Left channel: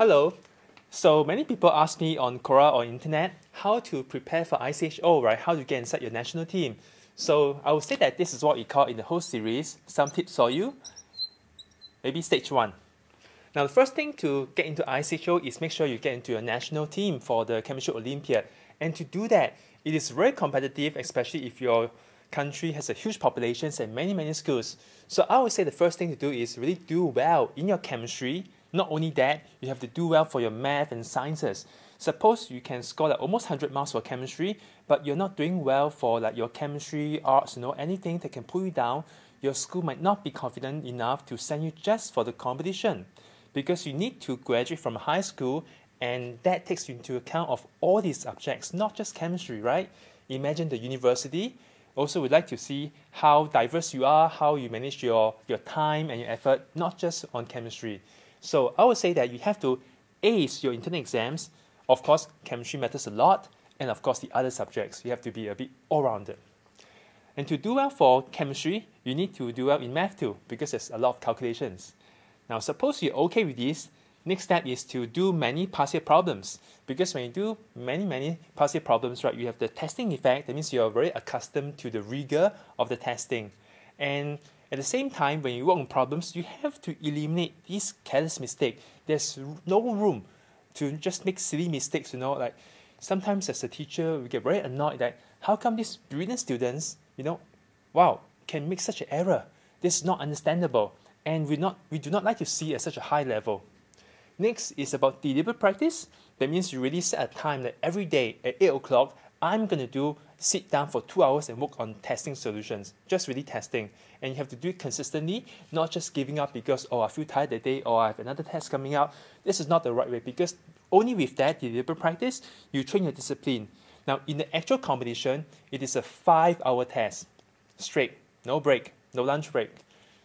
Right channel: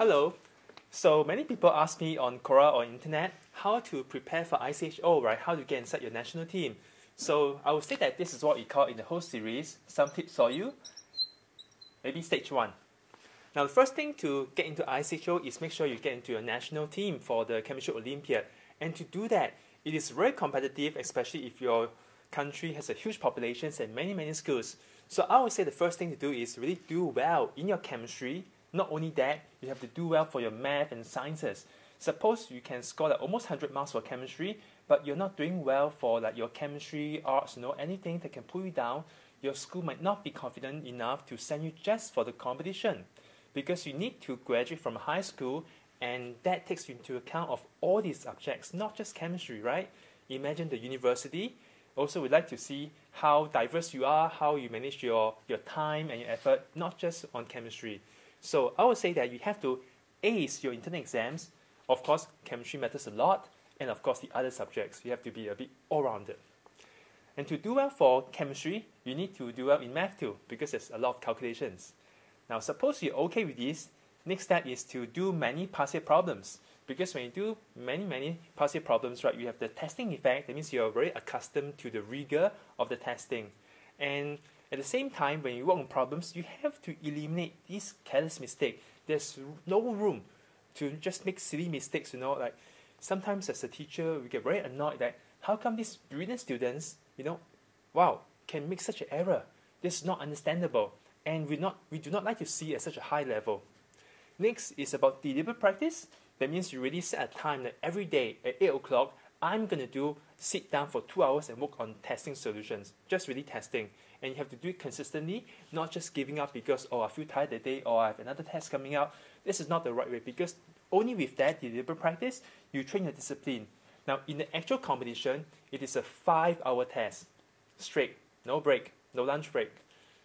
Hello. So many people ask me on Quora or internet how to prepare for IChO, right? How to get inside your national team. So I would say that this is what we call in the whole series, some tips for you. Maybe stage 1. Now the first thing to get into IChO is make sure you get into your national team for the Chemistry Olympiad. And to do that, it is very competitive, especially if your country has a huge population and many schools. So I would say the first thing to do is really do well in your chemistry. Not only that, you have to do well for your math and sciences. Suppose you can score like almost 100 marks for chemistry, but you're not doing well for like your chemistry, arts, anything that can pull you down. Your school might not be confident enough to send you just for the competition, because you need to graduate from high school, and that takes into account of all these subjects, not just chemistry, right? Imagine the university. Also, we'd like to see how diverse you are, how you manage your time and your effort, not just on chemistry. So I would say that you have to ace your internal exams. Of course, chemistry matters a lot, and of course the other subjects. You have to be a bit all-rounded. And to do well for chemistry, you need to do well in math too, because there's a lot of calculations. Now, suppose you're okay with this, next step is to do many past year problems. Because when you do many past year problems, right, you have the testing effect. That means you're very accustomed to the rigor of the testing. And at the same time, when you work on problems, you have to eliminate these careless mistakes. There's no room to just make silly mistakes, like sometimes as a teacher, we get very annoyed that how come these brilliant students, can make such an error? This is not understandable, and we do not like to see at such a high level. Next is about deliberate practice. That means you really set a time that every day at 8 o'clock, I'm going to sit down for 2 hours and work on testing solutions, just really testing. And you have to do it consistently, not just giving up because, I feel tired that day, or I have another test coming up. This is not the right way, because only with that deliberate practice, you train your discipline. Now, in the actual competition, it is a 5-hour test, straight, no break, no lunch break.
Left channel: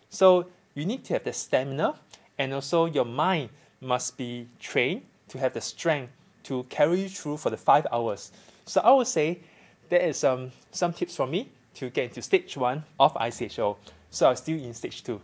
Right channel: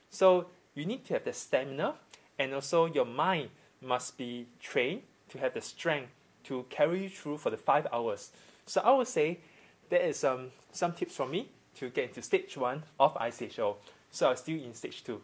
So you need to have the stamina, and also your mind must be trained to have the strength to carry you through for the 5 hours. So I would say there is some tips from me to get into stage 1 of IChO. So I'm still in stage 2.